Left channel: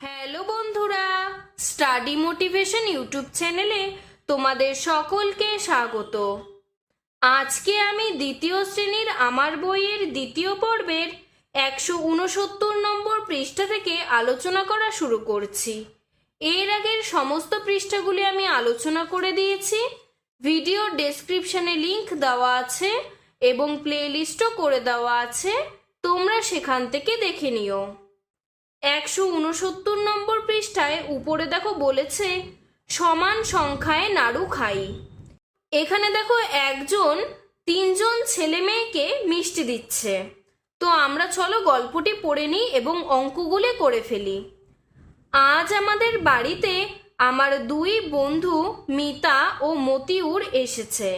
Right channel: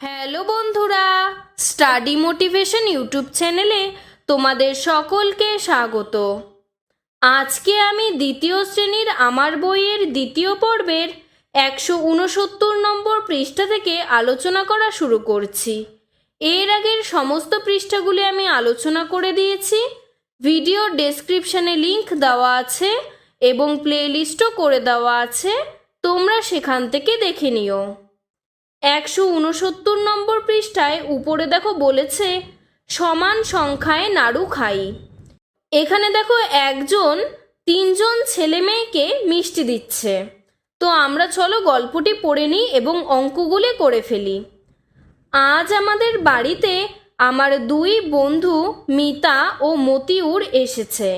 Hello বন্ধুরা, study motivation YouTube চ্যানেলে তোমাদের সকলকে স্বাগত। আজকে আমি দ্বিতীয় শ্রেণীর আমার বইয়ের দ্বিতীয় পর্বের 169 নম্বর পৃষ্ঠা থেকে আলোচনা করা শুরু করছি। এর আগের সমস্ত পৃষ্ঠাগুলি আমি আলোচনা করে দিয়েছি। ভিডিও ডেসক্রিপশনে লিংক দেওয়া আছে এবং প্লেলিস্টও করে দেওয়া আছে, তোমরা সেখান থেকে দেখে নিও। 169 নম্বর পৃষ্ঠায় উপরে দেখো বলেছে সমান সংখ্যায় নাড়ু খাই। এখানে দেখো একজন তিনজন ছেলে মেয়েকে মিষ্টি দিচ্ছে। তো আমরা চলো গল্পটি পড়ে নিই এবং অঙ্কগুলি করে ফেলি। আজ আমাদের বাড়িতে আমার দুই বন্ধু মিতা ও মতিউর এসেছে।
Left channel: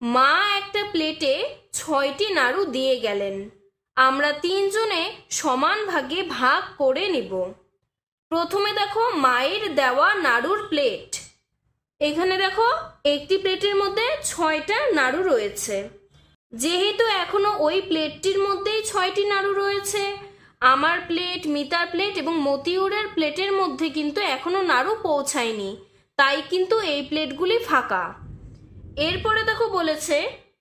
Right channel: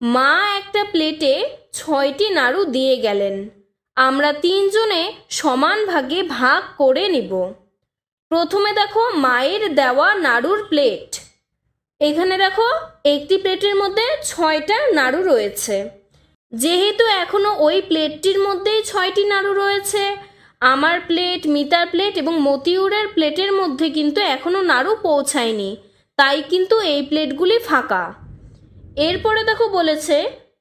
মা একটা প্লেটে 6টি নাড়ু দিয়ে গেলেন। আমরা তিনজনে সমান ভাগে ভাগ করে নিব। প্রথমে দেখো মায়ের দেওয়া নাড়ুর প্লেট। এখানে দেখো একটি প্লেটের মধ্যে 6টা নাড়ু রয়েছে। যেহেতু এখনো ওই প্লেটটির মধ্যেই 6টি নাড়ু রয়েছে, আমার প্লেট, মিতার প্লেট এবং মতিউরের প্লেটের মধ্যে কিন্তু এখনো নাড়ু পৌঁছায়নি, তাই কিন্তু এই প্লেটগুলি ফাঁকা। এরপরে দেখো বলেছে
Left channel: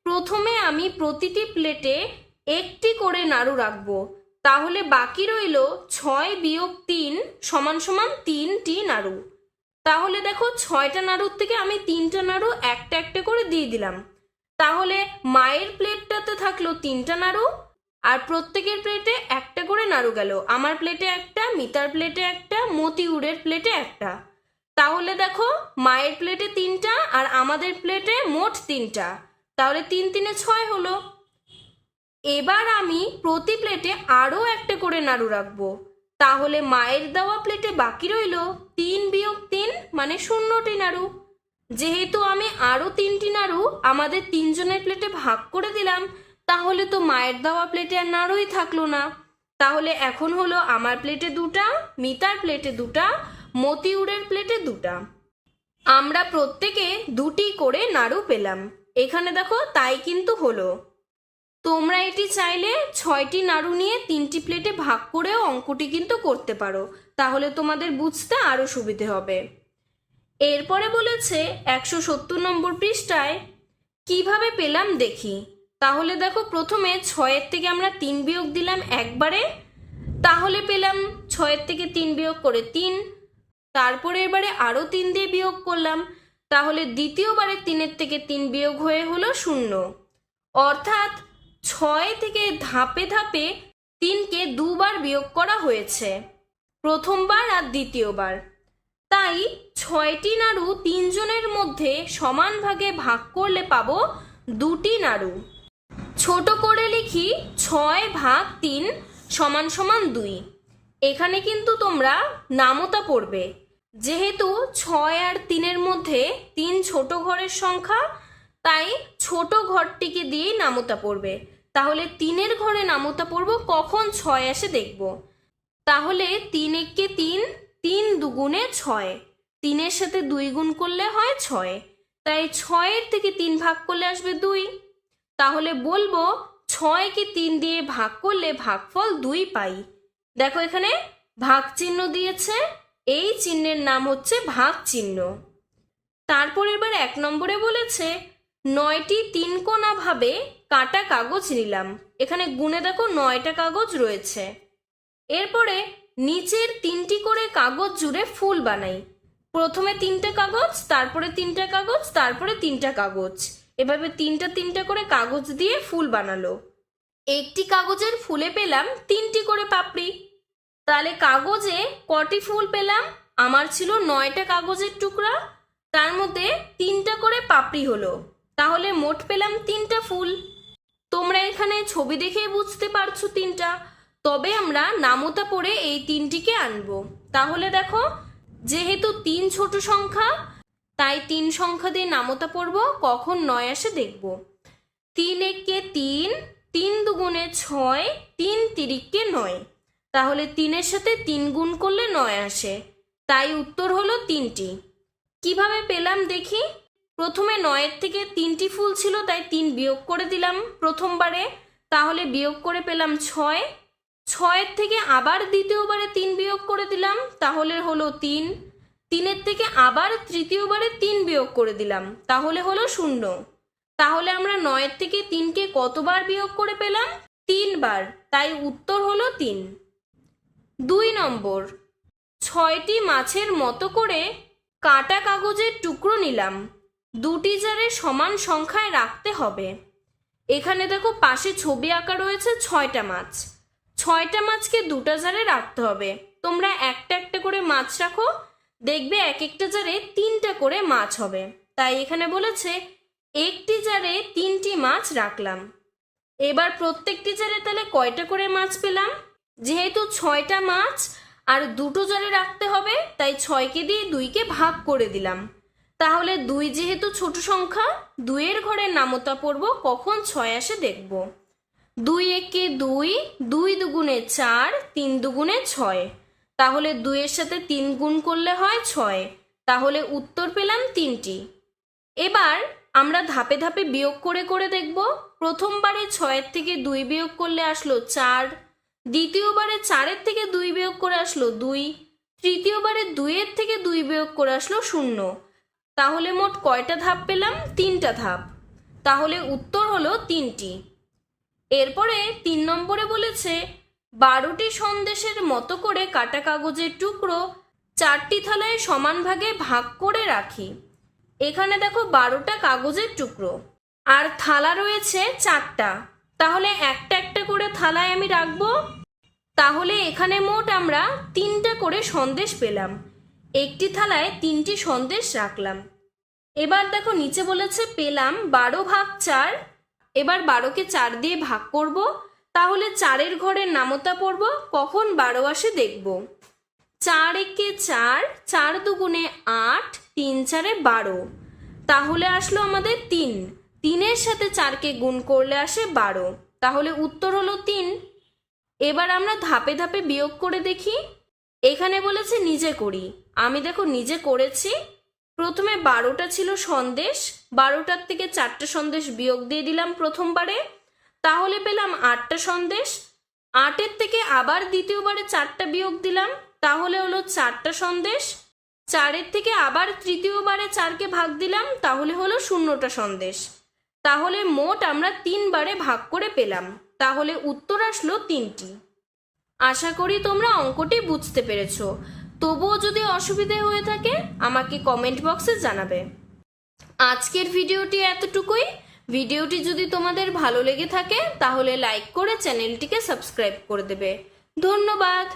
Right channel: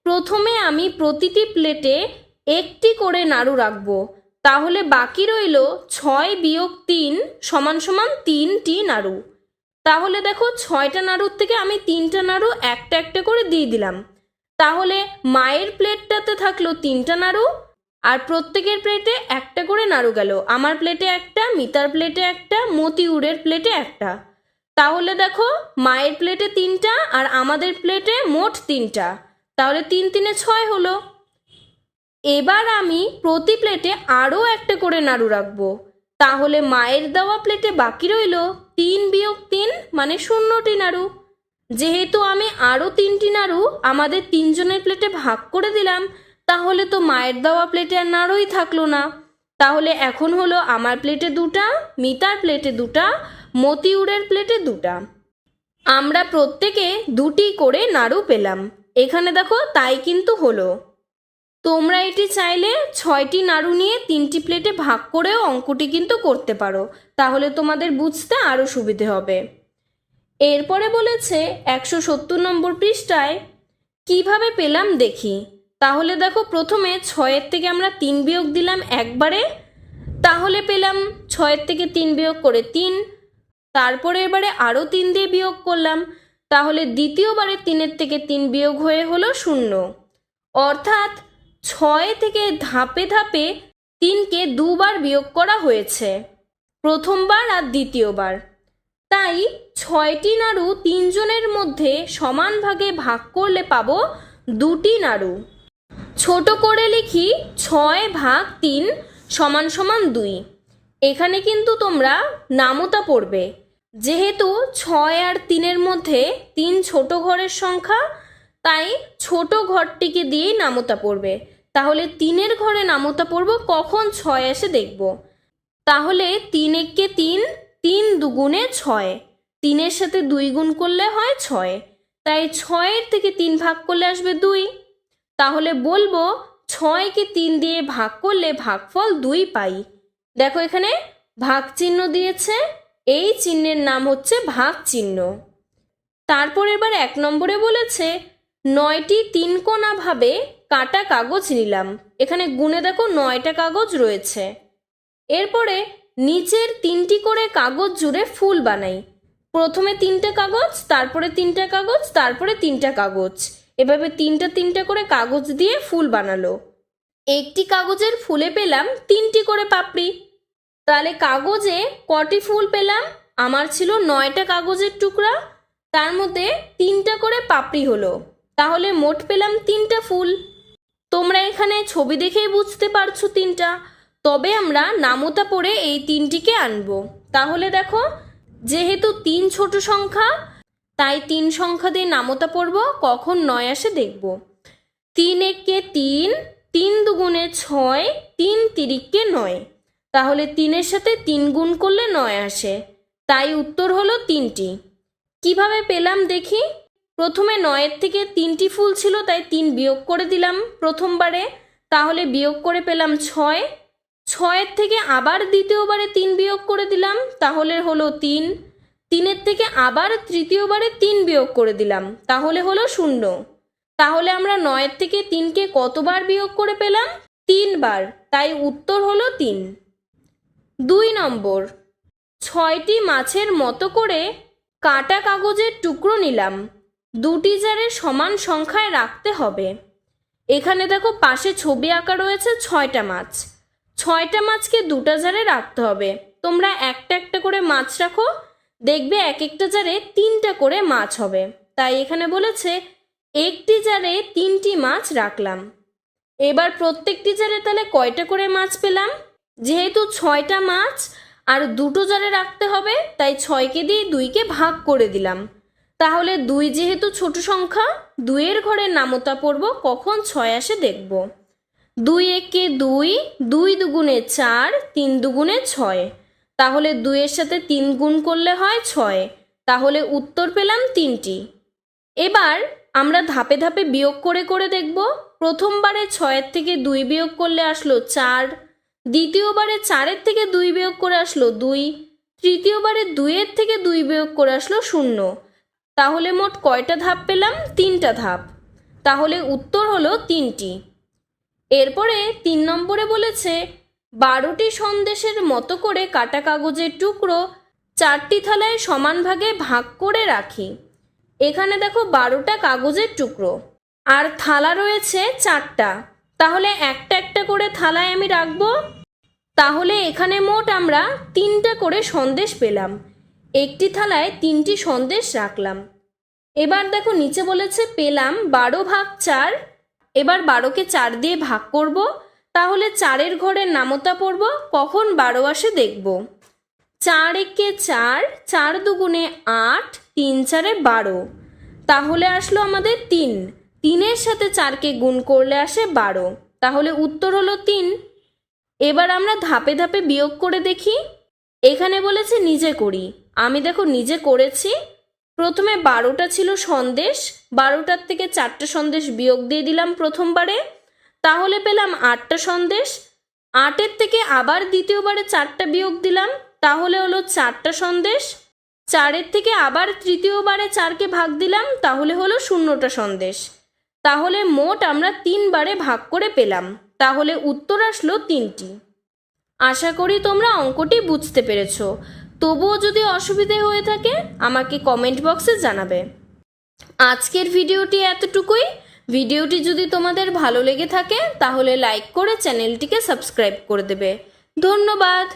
প্রথমে আমি প্রতিটি প্লেটে একটি করে নাড়ু রাখবো, তাহলে বাকি রইল 6 বিয়োগ 3 সমান সমান 3টি নাড়ু। তাহলে দেখো 6টা নাড়ুর থেকে আমি 3টা নাড়ু একটা একটা করে দিয়ে দিলাম। তাহলে মায়ের প্লেটটাতে থাকলো 3টা নাড়ু আর প্রত্যেকের প্লেটে একটা করে নাড়ু গেল। আমার প্লেটে একটা, মিতার প্লেটে একটা, মতিউরের প্লেটে একটা। তাহলে দেখো মায়ের প্লেটে 3টা আর আমাদের প্লেটে মোট 3টা, তাহলে 3 3 6 হলো। এবার আমি প্রতি প্লেটে আরও একটা করে নাড়ু রাখবো, তাহলে মায়ের দেওয়া প্লেটে বাকি রইল 3 বিয়োগ 3 মানে 0টি নাড়ু। যেহেতু আমি আরও 3টি নাড়ু আমাদের তিনজনের প্লেটে ভাগ করে দিলাম, তাহলে তো মায়ের দেওয়া প্লেটে আর নাড়ুই থাকলো না। তাহলে এখন হলো আমার প্লেটে 2টা, মিতার প্লেটে 2টা, মতিউরের প্লেটে 2টা। আমরা প্রত্যেকে 2টি করে নাড়ু পেলাম। এখানে দেখো তাই কিন্তু হলো। তোমরা এটি চাইলে 6টি নাড়ু নিয়ে 3টি প্লেটে ভাগ করেও অঙ্কটি কিন্তু করতে পারো, তাহলে তোমাদের বুঝতে আরও সুবিধে হবে। এরপরে বলেছে 170 নম্বর পৃষ্ঠায় কিভাবে পেলাম দেখি। তাহলে দেখো প্রথমে 6-এর থেকে আমরা 3 বিয়োগ দিলাম একবারে, তাহলে পেলাম 6-এর থেকে 3 বিয়োগ করে 3। তারপরে এবারে আরও 3 দিয়ে বিয়োগ করলাম, তাহলে দ্বিতীয়বারে 3-এর থেকে 3 বিয়োগ হয়ে হলো 0। অর্থাৎ 6 থেকে ধাপে ধাপে 3কে দুবার বিয়োগ করা হয়েছে, প্রথমবার আর দ্বিতীয়বার। তাই 6টি নাড়ু তিনজনের মধ্যে সমান ভাগে ভাগ করলে পাবো 2টি নাড়ু। ছোট করে লিখি 6 ভাগ 3 সমান সমান 2। এখানে কিন্তু তোমরা নামতা পড়বে, যেহেতু 6 আর 3-এর মধ্যে 3 ছোট ঘরের সংখ্যা, তাই ছোট ঘরটিকে দিয়েই নামতা পড়বে। তাহলে 3-এর ঘরে নামতা পড়ব কখন 6 আসে দেখব। তাহলে 3 একে 3, 3 দুগুণে 6, 3-এর সাথে 2 গুণ করলে হয় 6, তাই 6-এর থেকে 3 ভাগ করলে আসবে 2। তাহলে বলবো 6কে 3 দিয়ে ভাগ করলে ভাগফল 2 পাই। দেখো এখানে ভাগ চিহ্ন দিয়েছে, এই চিহ্নের নাম হচ্ছে ভাগ চিহ্ন। তারপর এবার 1 নম্বরে বলেছে 9টি 3 কোণা ভাবে কাটা কাগজ নিলাম। এখানে গুণে দেখো 9টা কাগজ রয়েছে। এরপরে নিচের 3টি করে কাগজ জুড়ে ফুল বানাই। প্রথমে 3টে কাগজ, তারপরে 3টে কাগজ, তারপরে 3টা কাগজ, এভাবে 3টা 3টা করে কাগজ দিয়ে ফুল বানালো। একটি কাগজের ফুলে পেলাম 3টি করে পাপড়ি। তাহলে কাগজে কটি ফুল পেলাম? আমার ছিল 9টা কাগজের টুকরা, তার মধ্যে 3টা করে পাপড়ি হলো, তাহলে মোট পেলাম 3টা ফুল। তোমরা এখানে ছবি দেখেই বুঝতে পারছো 3টা। তবে আমরা নামতা পড়ে এই 3টিকে আনবো। তাহলে দেখো যেহেতু 3 ছোট সংখ্যা, তাই 3 সংখ্যা দিয়ে নামতা পড়বো, কখন 9 আসে দেখব। 3 একে 3, 3 দুগুণে 6, 3 তিরিকে 9, তাহলে 3-এর সাথে 3 গুণ করলে 9 আসে, তাই উত্তর হলো 3টি। কিভাবে পেলাম দেখি। প্রথমে 9-এর থেকে 3টি ফুল ছিল, তাই 3 বিয়োগ করে দিলাম প্রথমবারে, তাহলে বিয়োগ করে পেলাম 6। ছয়ের থেকে আবার দ্বিতীয়বারে 3 বিয়োগ করে দিলাম, তাহলে হলো 3। 3-এর থেকে আবার তৃতীয়বারে 3 বিয়োগ করে দিলাম, তাহলে হলো 0। তাহলে আমরা 9-এর থেকে 3কে কতবার বিয়োগ করে পেলাম? 3 বার, তাই উত্তর হলো 3। 2 নম্বর, 6টি মাছের মতো করে কাটা কাগজের টুকরো নিলাম, দুটি জারে সমান সংখ্যায় রাখতে হবে। এখানে দেখো পাশে ছবি আঁকা রয়েছে 6টা মাছ। 6টা মাছকে দুটা জারে রাখতে হবে। তোমরা একটা একটা করে মাছ রাখো, দেখবে এক একটা জারে 3টা করে মাছ হবে। তাই এখানে বলেছে একটি জারে 3টি মাছ রাখলাম। এবার প্রত্যেকটি জারে তাহলে কয়টা করে মাছ পেলাম? যেহেতু 6টা মাছ আর দুটো জারে রাখতে হবে, তাই 6কে দিয়ে 2কে ভাগ করে দিলাম। তাহলে 2 যেহেতু ছোট সংখ্যা, 2-এর ঘরের নামতা পড়ব, কখন 6 আসে দেখব। 2 একে 2, 2 দুগুণে 4, 3 দুগুণে 6। তাহলে 2-এর সাথে 3 গুণ করলে হয় 6। তাহলে উত্তর পেলাম 3টি। এবার আমরা ধাপে ধাপে বিয়োগ করে করে দেখব। প্রথমবারে 6-এর থেকে 2 বিয়োগ করলে আসলো 4, দ্বিতীয়বারে 4-এর থেকে 2 বিয়োগ করে আসলো 2, তৃতীয়বারে 2-এর থেকে 2 বিয়োগ করে আসলো 0। তাহলে মোট কয়টা ধাপ পেলাম? 3টা ধাপ। তাহলে উত্তর হলো 3টি। এরপরে 3 নম্বরে বলেছে 12টি সন্দেশের মতো করে কাটা কাগজের টুকরো 4টি থালায় সমান ভাগে ভাগ করে রাখি। এখানে দেখো 12টা কাগজের টুকরো আর থালা রয়েছে 4টা, তাহলে একটা একটা করে থালায় আমি রাখবো। তাহলে এখানে মোট আমরা 3টা করে সন্দেশ পেলাম। একটি থালায় 3টি সন্দেশ রাখলাম। এবার দেখো নিচে বলেছে পেলাম 12 ভাগ 4। এবার 12কে 4 দিয়ে ভাগ করব, তাহলে 4-এর ঘরের নামতা পড়ব, কখন 12 আসে দেখব। 4 একে 4, 4 দুগুণে 8, 3 4-এ 12। তাহলে আসলো আমাদের 3। 3-এর সাথে 4কে গুণ করলে আসে 12। তাহলে উত্তর হলো 3। এবার আমরা ধাপে ধাপে বিয়োগ করে দেখি। এখানে বলেছে নিজে করি, আমি দেখো নিজে করেছি। প্রথমে 12টা ছিল সন্দেশ, 12টার থেকে 4টে সন্দেশ বিয়োগ দিয়ে দিলাম প্রথমবারে, তাহলে পেলাম 8টা সন্দেশ। 8-এর থেকে আবার দ্বিতীয়বারে 4টা বিয়োগ দিলাম, তাহলে হলো 4টা সন্দেশ। 4-এর থেকে আবার তৃতীয়বারে 4কে ভাগ দিলাম, তাহলে হলো 0টা সন্দেশ। তাহলে মোট আমরা 3 বারে ভাগ করে পেলাম, তাহলে উত্তর আসলো 3টি। আশা করি তোমরা অঙ্কটি বুঝতে পেরেছ। তবুও যদি অসুবিধে হয়ে থাকে আমাকে কমেন্ট বক্সে জানাবে। আজকের ভিডিওটি এতটুকুই। ভিডিওটি যদি তোমাদের ভালো লেগে থাকে তাহলে লাইক করে চ্যানেলটিকে সাবস্ক্রাইব করে দেবে। ধন্যবাদ।